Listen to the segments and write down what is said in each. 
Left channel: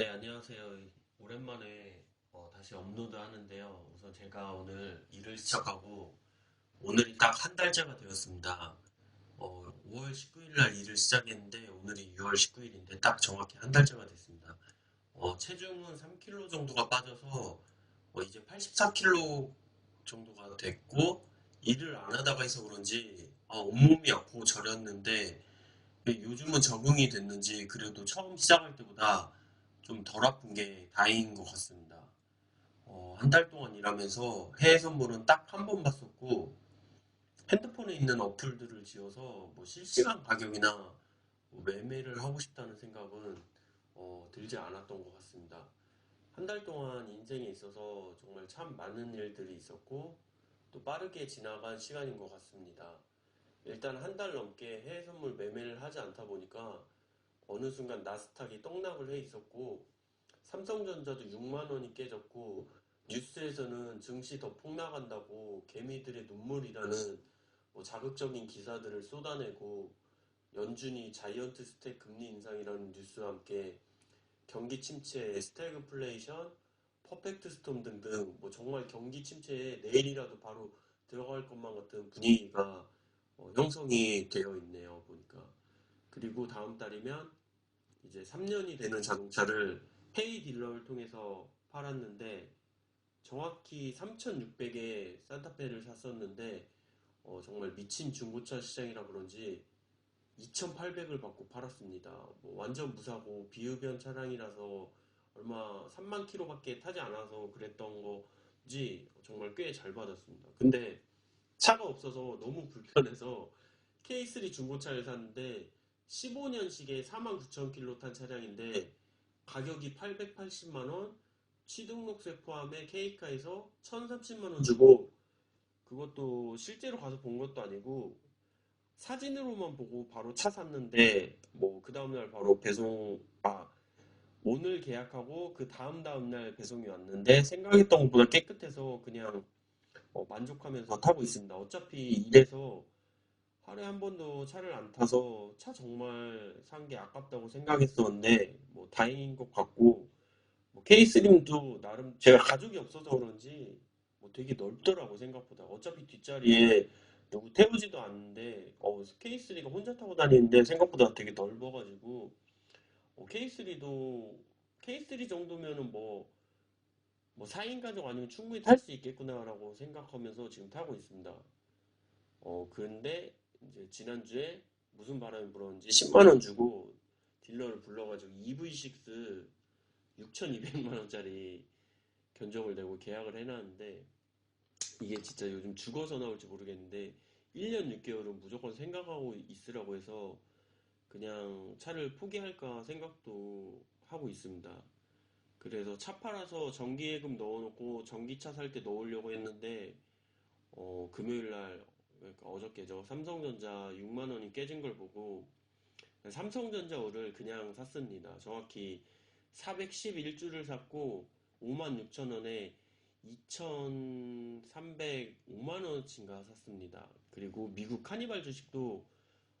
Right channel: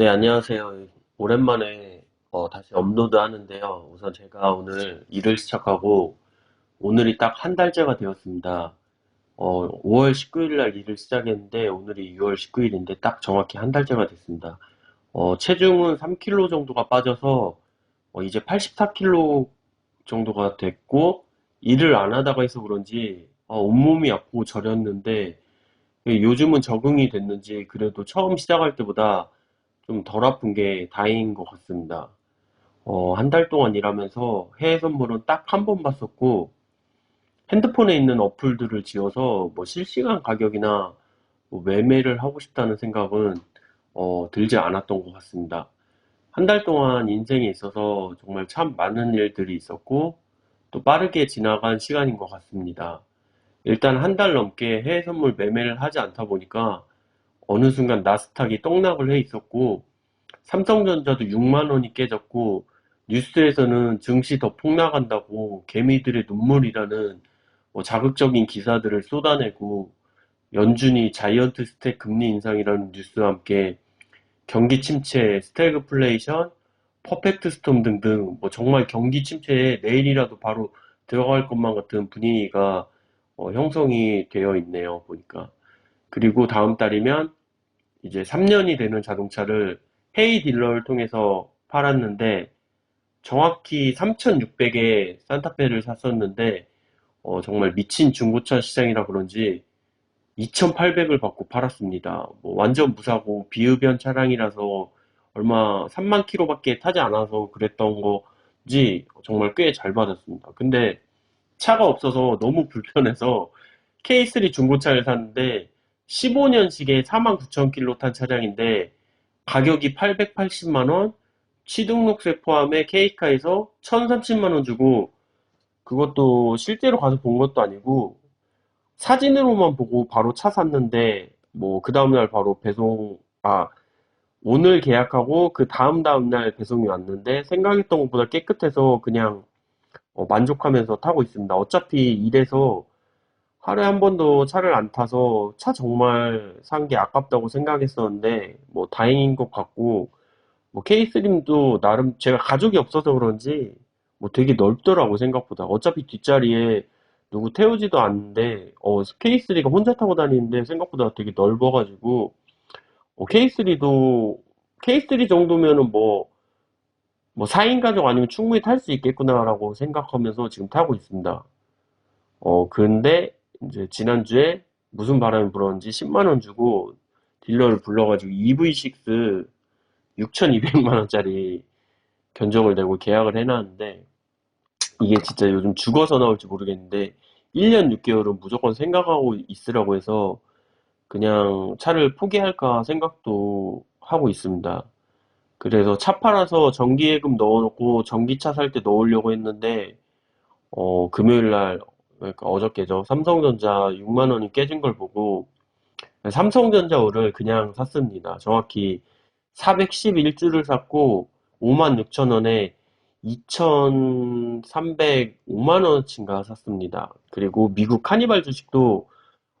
네, 안녕하세요. 오랜만에 어, 다시 업로드 하는데요. 우선 제가 오늘 일을 시작하고 오늘이 딱 한 달째가 되었습니다. 어, 5월 19일 날 일을 시작했는데 오늘이 6월 19일인데 딱 정확히 한 달째가 됐습니다. 어, 체중은 3kg 정도가 빠져서 어, 이제 84kg 정도가 됐고 일을 안 하다가 해서 그런지 어, 온몸이 아프고 저렸는데 요즘은 적응이 됐는지 그래도 처음 시작할 때보다 좀 덜 아픈 게 다행인 것 같습니다. 어, 한 달 동안 일하면서 해외 선물은 딱 한 번 봤었고, 핸드폰에 있는 어플들을 지어서 뭐 실시간 가격이나 뭐 매매를 하고 싶다는 생각은 어, 들지 않았던 것 같습니다. 한 달 동안 인생에 있어서 정말 참 많은 일들이 있었고, 또 빠르게 지나간 시간인 것 같습니다. 일단 한 달 넘게 해외 선물 매매를 하지 않다 보니까 어느 순간 나스닥이 떡락을 해 있었고 삼성전자도 6만 원이 깨졌고 뉴스에서는 증시 더 폭락한다고 개미들의 눈물이라는 뭐 자극적인 기사들을 쏟아내고 연준이 자이언트 스택 금리 인상이라는 뉴스와 함께 경기 침체, 스태그플레이션, 퍼펙트 스톰 등등 뭐 정말 경기 침체에 내일이라도 바로 들어갈 것만 같은 분위기가 어, 형성이 되어 있네요, 보니까. 그리고 다음 달이면 이제 3년이 되는 자동차를 헤이 딜러를 통해서 팔았는데 정확히 3,600에 산타페를 샀었는데 어, 정말 미친 중고차 시장이라 그런지 2,800을 받고 팔았습니다. 뭐 완전 무사고 비흡연 차량이라서 얼마 3만 킬로밖에 타지 않아서 그랬던 거지 정말 꽤 잘 받았습니다. 근데 차가 없어서 너무 불편해서 K3 중고차를 샀는데 15년식에 49,000km 탄 차량인데 가격이 880만원, 취등록세 포함해 K카에서 1,030만원 주고 그것도 실제로 가서 본 것도 아니고 사진으로만 보고 바로 차 샀는데 뭐 그 다음날 바로 배송, 아, 오늘 계약하고 그 다음 다음날 배송이 왔는데 생각했던 것보다 깨끗해서 그냥 어, 만족하면서 타고 있습니다. 어차피 이래서 하루에 한 번도 차를 안 타서 차 정말 산 게 아깝다고 생각했었는데 뭐 다행인 것 같고 뭐 K3도 나름 제가 가족이 없어서 그런지 뭐 되게 넓더라고 생각보다 어차피 뒷자리에 누구 태우지도 않는데 어 K3가 혼자 타고 다니는데 생각보다 되게 넓어가지고 어, K3도 K3 정도면은 뭐 뭐 4인 가족 아니면 충분히 탈 수 있겠구나라고 생각하면서 지금 타고 있습니다. 어, 근데 이제 지난주에 무슨 바람이 불었는지 10만 원 주고 딜러를 불러가지고 EV6 6,200만 원짜리 견적을 내고 계약을 해놨는데 이게 진짜 요즘 죽어서 나올지 모르겠는데 1년 6개월은 무조건 생각하고 있으라고 해서 그냥 차를 포기할까 생각도 하고 있습니다. 그래서 차 팔아서 정기예금 넣어놓고 전기차 살 때 넣으려고 했는데 어, 금요일 날 그러니까 어저께죠. 삼성전자 6만 원이 깨진 걸 보고 삼성전자를 그냥 샀습니다. 정확히 411주를 샀고 5만 6천 원에 2,305만 원어치인가 샀습니다. 그리고 미국 카니발 주식도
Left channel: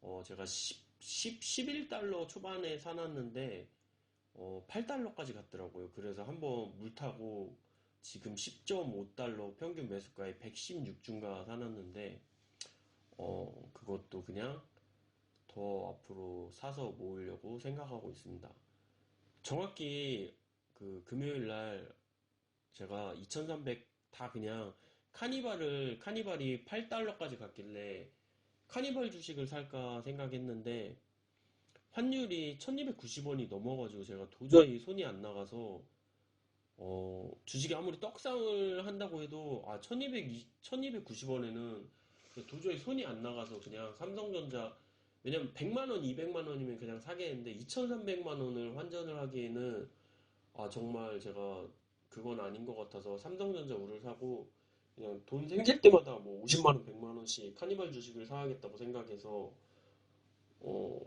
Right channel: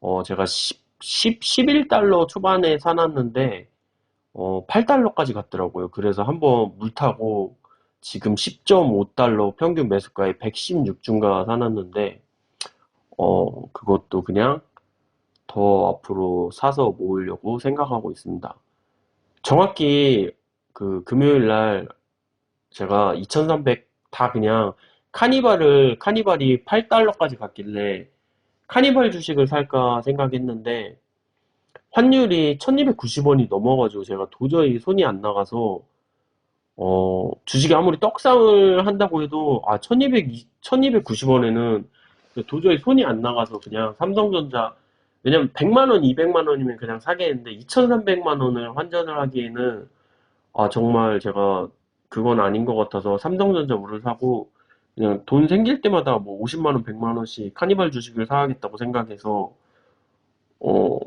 어 제가 10, 10, 11달러 초반에 사놨는데 어 8달러까지 갔더라고요. 그래서 한번 물 타고 지금 10.5달러 평균 매수가에 116주인가 사놨는데 어, 그것도 그냥 더 앞으로 사서 모으려고 생각하고 있습니다. 정확히 그 금요일 날 제가 2,300 다 그냥 카니발을, 카니발이 8달러까지 갔길래 카니발 주식을 살까 생각했는데 환율이 1290원이 넘어가지고 제가 도저히 손이 안 나가서 어, 주식이 아무리 떡상을 한다고 해도 아, 1200, 1290원에는 도저히 손이 안 나가서 그냥 삼성전자 왜냐면 100만 원, 200만 원이면 그냥 사겠는데 2,300만 원을 환전을 하기에는 아 정말 제가 그건 아닌 것 같아서 삼성전자 우를 사고 그냥 돈 생길 때마다 뭐 50만 원, 100만 원씩 카니발 주식을 사야겠다고 생각해서 어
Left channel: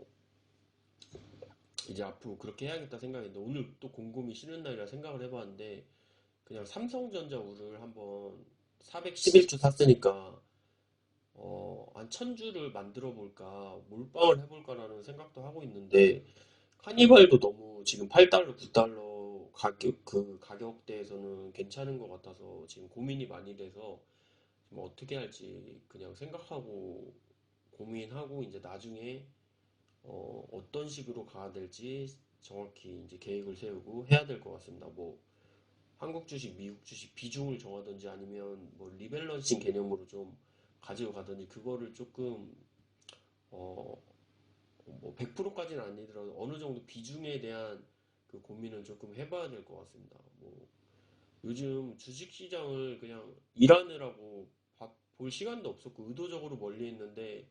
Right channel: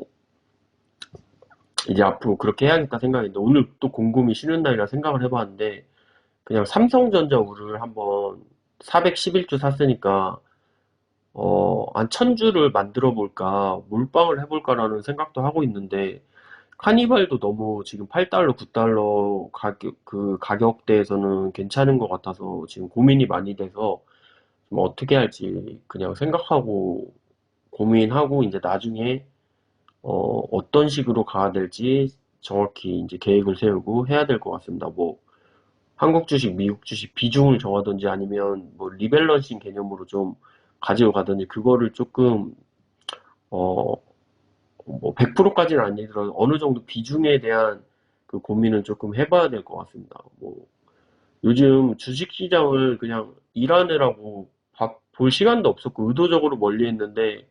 이제 앞으로 그렇게 해야겠다 생각했는데 오늘 또 공금이 쉬는 날이라 생각을 해봤는데 그냥 삼성전자 우를 한번 411주 샀으니까 어, 한 천주를 만들어 볼까, 몰빵을 해볼까라는 생각도 하고 있는데, 카니발도 너무 지금 8달러, 9달러 가격, 그 가격대에서는 괜찮은 것 같아서 지금 고민이 많이 돼서 좀 어떻게 할지 그냥 생각하고 고민하고 이제 나중에 어, 어떤 식으로 가야 될지 정확히 이제 계획을 세우고 해야 될 것 같습니다. 뭐 한국 주식, 미국 주식 비중을 정하든지 아니면 뭐 리밸런싱 개념으로 좀 가지고 가든지 그거를 조금 어, 뭐 100%까지는 아니더라도 어느 정도 비중에 대한 그 고민은 조금 해봐야 될 것 같습니다. 뭐 요즘 주식 시장을 그냥 일하느라고 봐- 볼 시간도 없었고 의도적으로 멀리 했는데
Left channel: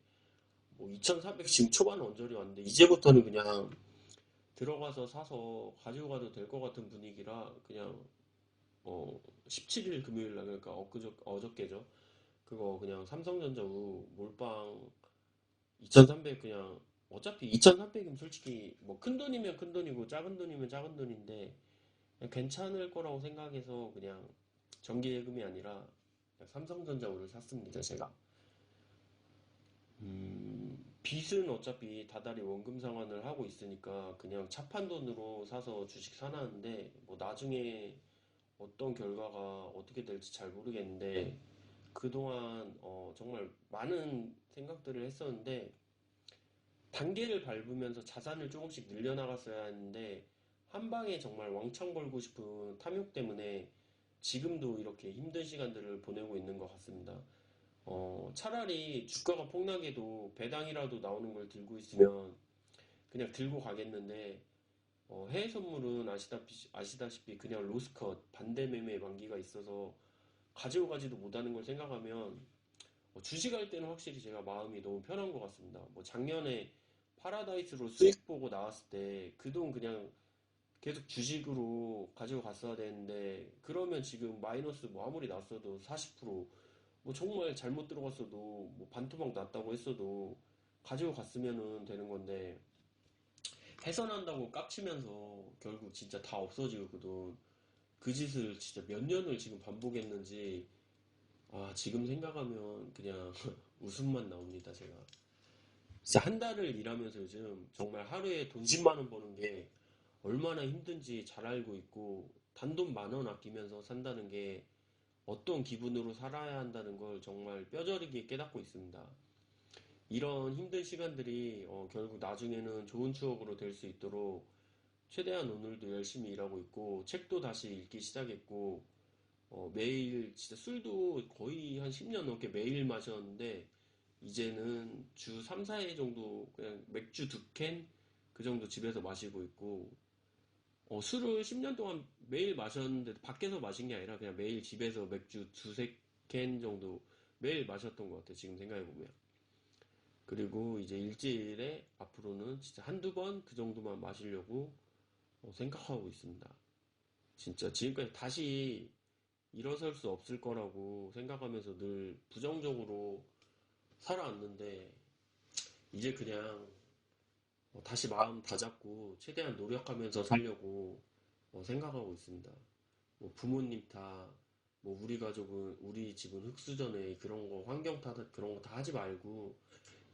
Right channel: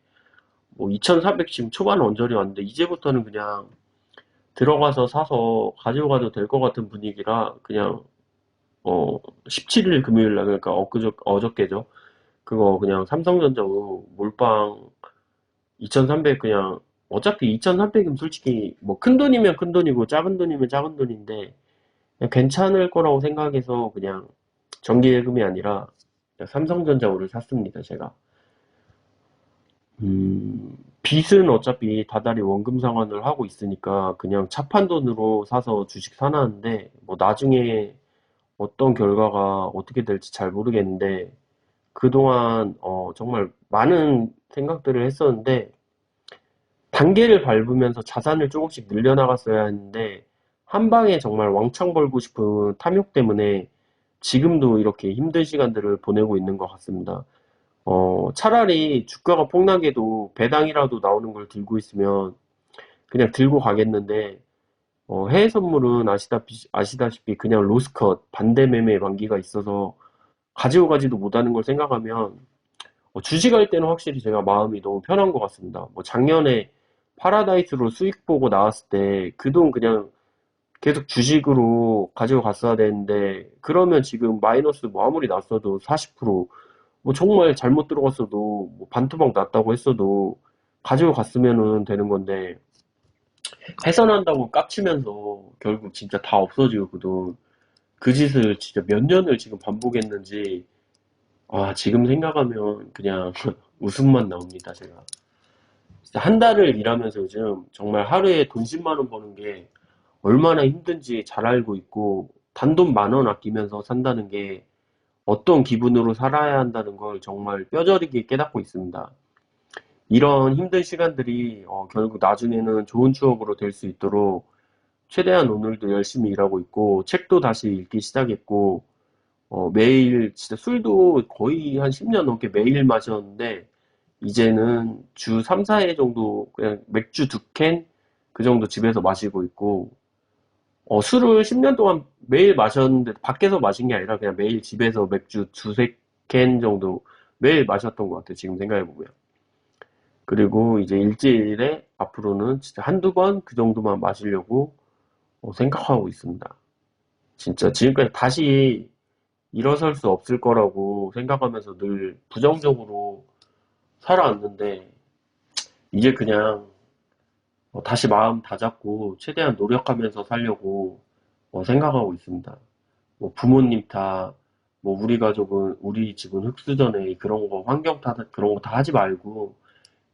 뭐 2,400 지금 초반 언저리 왔는데 이제부터는 그냥 들어가서 사서 가지고 가도 될 것 같은 분위기라 그냥 어 17일 금요일 날 그러니까 엊그저 어저께죠. 그거 그냥 삼성전자 몰빵 2,300 그냥 어차피 2,300이면 솔직히 뭐 큰 돈이면 큰 돈이고 작은 돈이면 작은 돈인데 괜찮을 거라고 생각해서 그냥 정기예금이 아니라 그냥 삼성전자를 샀습니다, 제가. 음, 빚은 어차피 다달이 원금 상환을 하고 있으니까 그냥 차판 돈으로 사서 주식 사놨는데 뭐 나중에 어떤 결과가 어떻게 될지 잘 모르겠는데 그동안 어, 정말 많은 생각들을 했었는데 단계를 밟으면서 자산을 조금씩 늘려나갔어야 했는데 한 방에 정말 왕창 벌고 싶은 탐욕 때문에 지금도 이렇게 힘든 시간들을 보내고 있는 것 같습니다. 어, 차라리 주가가 폭락해도 배당이라도 나오는 걸 들고 있으면 그냥 들고 가겠는데 어, 해외 선물은 아시다시피, 아시다시피 그냥 로스컷 반대 매매 만기가 있어서 가지고 가지도 못하는 걸 생각하면 어, 주식할 때는 확실히 제가 마음이 너무 편한 것 같습니다. 뭐 작년에 파라다이스로 수익 보고 나왔을 때 그 돈 그냥 계속 주식으로 가지고 갔어야 되는데 그러면 지금 마이너스 뭐 아무리 났어도 40%뭐 정말 잘못 들어갔어도 뭐 반토막 났다고 했어도 가지고 갔으면은 되는 건데 해산한다고 깝치면서 결국 진짜 다 없어지고 그 돈, 그 짓을 진짜 몇 년을 지금 반복했는지 아 지금 생각하면 그냥 웃음만 나옵니다 제가 진짜 한 달을 일하면서 요즘 정말 하루에 돈 10만 원 버는 게 얼마나 힘든지 잘 알고 있고 단돈 만 원 아끼면서 산다는 게 어떤 기분으로 살아야 한다는 걸 정말 뼈저리게 깨닫고 있습니다. 이런 힘든 시간들이 어, 결국 나중에는 좋은 추억으로 될 수 있도록 최대한 오늘도 열심히 일하고 있고 책도 다시 읽기 시작했고 어, 매일 진짜 술도 거의 한 10년 넘게 매일 마셨는데 이제는 주 3, 4회 정도 그냥 맥주 두 캔 그 정도 집에서 마시고 있고 어, 술을 10년 동안 매일 마셨는데 밖에서 마신 게 아니라 그냥 매일 집에서 맥주 두세 캔 정도 매일 마셨던 것 같아요. 지금 생각해 보면. 그리고 이제 일주일에 앞으로는 진짜 한두 번 그 정도만 마시려고 어, 생각하고 있습니다. 진짜 지금까지 다시 일어설 수 없을 거라고 생각하면서 늘 부정적으로 살아왔는데 이제 그냥 어, 다시 마음 다잡고 최대한 노력하면서 살려고 어, 생각하고 있습니다. 뭐 부모님 탓, 뭐 우리 가족은 우리 집은 흙수저네 그런 거 환경 탓 그런 거 다 하지 말고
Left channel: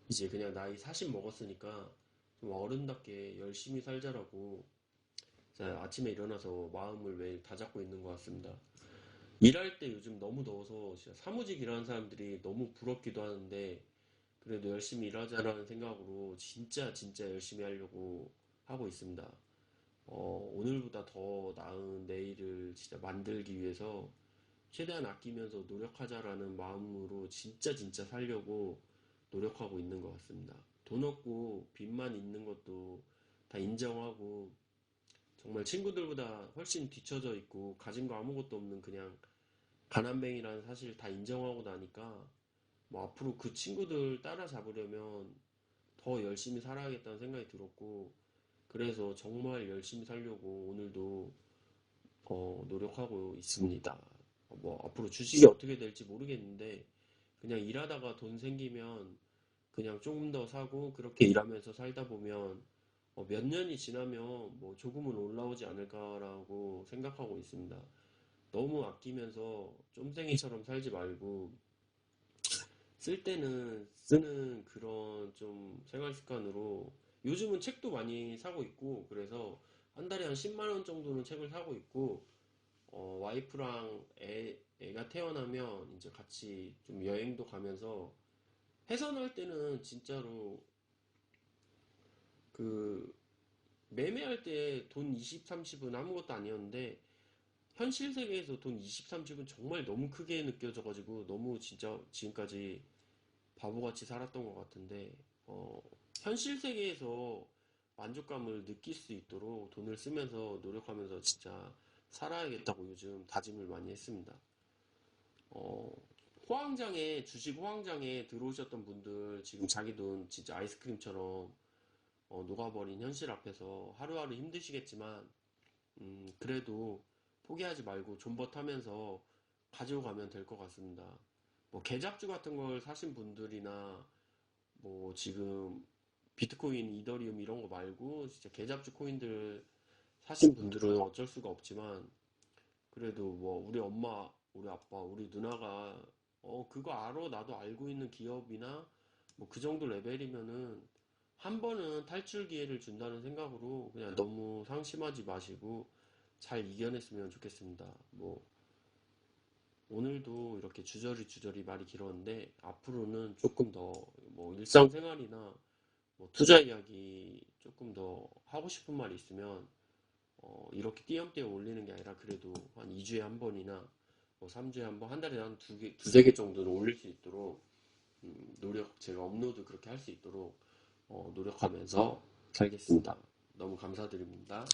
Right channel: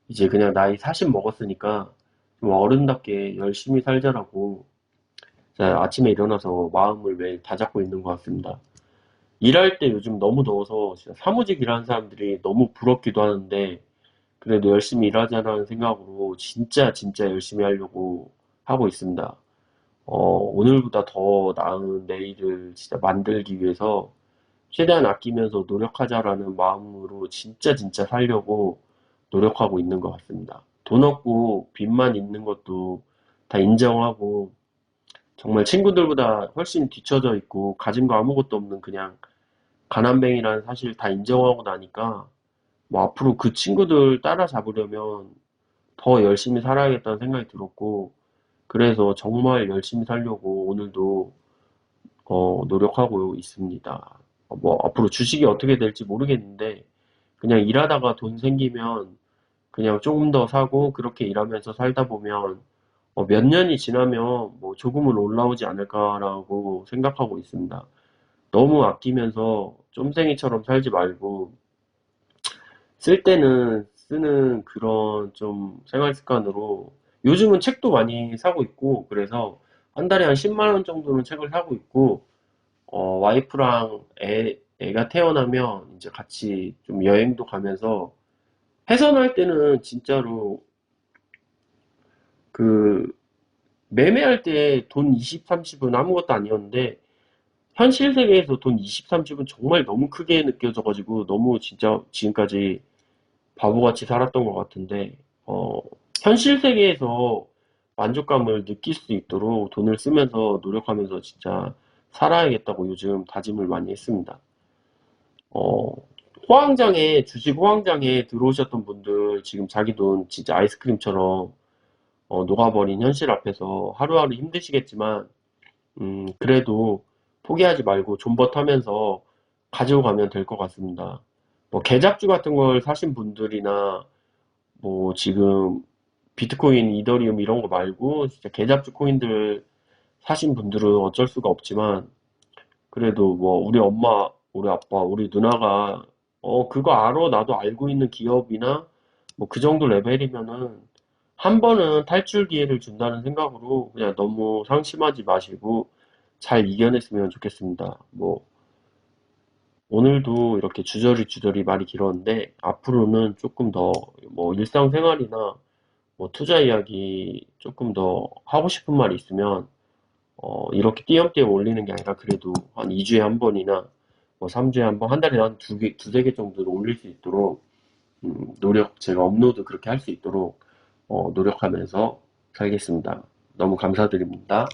이제 그냥 나이 40 먹었으니까 좀 어른답게 열심히 살자라고 자, 아침에 일어나서 마음을 매일 다잡고 있는 것 같습니다. 일할 때 요즘 너무 더워서 사무직 일하는 사람들이 너무 부럽기도 하는데 그래도 열심히 일하자는 생각으로 진짜 진짜 열심히 하려고 하고 있습니다. 어, 오늘보다 더 나은 내일을 진짜 만들기 위해서 최대한 아끼면서 노력하자라는 마음으로 진짜 진짜 살려고 노력하고 있는 것 같습니다. 돈 없고 빚만 있는 것도 다 인정하고 정말 친구들보다 훨씬 뒤처져 있고 가진 거 아무것도 없는 그냥 가난뱅이라는 사실 다 인정하고 나니까 뭐 앞으로 그 친구들 따라잡으려면 더 열심히 살아야겠다는 생각이 들었고 그래서 정말 열심히 살려고 오늘도 어, 노력하고 있습니다. 어, 뭐 앞으로 주식이 어떻게 될지 모르겠는데 그냥 일하다가 돈 생기면 그냥 조금 더 사고 그렇게 일하면서 살다 보면 어, 몇 년이 지나면 뭐 조금은 올라오지 않을까라고 생각하고 있습니다. 너무 아끼면서 쫌생이처럼 살지 말고 쓸 때는 쓰는 그런 좀 생활 습관으로 요즘은 책도 많이 사고 있고, 그래서 한 달에 한 10만 원 정도는 책을 사고 있고, 어, 와이프랑 애, 애가 태어나면 이제 같이 좀 여행도 가면서 해산할 때는 진짜로 그 매매할 때 돈 20, 30은 아무것도 아니었는데 현실 세계에서 돈 20, 30은 정말 너무 크게 느껴져가지고 너무 진짜 지금까지 바보같이 살았던 것 같은데 어, 현실 세계에서 만족감을 느낄 수 있도록 돈을 쓰면서 노력하면서 진짜 살아야겠다고 요즘 다짐을 많이 했습니다. 어, 호황장에, 주식 호황장에 들어오셨던 분들 지금 자기 돈 진짜 아이스크림처럼 어, 녹아버린 현실 앞에서 하루하루 힘드시겠지만, 음, 그래도 포기하지 말고 존버타면서 가지고 가면 될 것 같습니다. 뭐, 계잡주 같은 걸 사신 분들이나, 뭐, 지금 비트코인, 이더리움 이런 거 말고, 진짜 계잡주 코인들 사신 분들은 어쩔 수가 없지만, 그래도 뭐 우리 엄마, 우리 아빠, 우리 누나가 어 그거 알아 나도 알고 있는 기업이나 뭐 그 정도 레벨이면은 한 번은 탈출 기회를 준다는 생각으로 그냥 너무 상심하지 마시고 잘 이겨냈으면 좋겠습니다. 뭐 오늘도 이렇게 주저리 주저리 말이 길었는데 앞으로는 조금 더 뭐 일상생활이나 뭐 투자 이야기 조금 더 하고 싶은 말이 있으면 어, 이렇게 띄엄띄엄 올리는 게 아니라 그래도 한 2주에 한 번이나 뭐 3주에 한 번, 한 달에 한 두 개, 두세 개 정도를 올릴 수 있도록 음, 노력, 제가 업로드 그렇게 할 수 있도록 어, 노력하면서 살겠습니다. 너무 감사드립니다.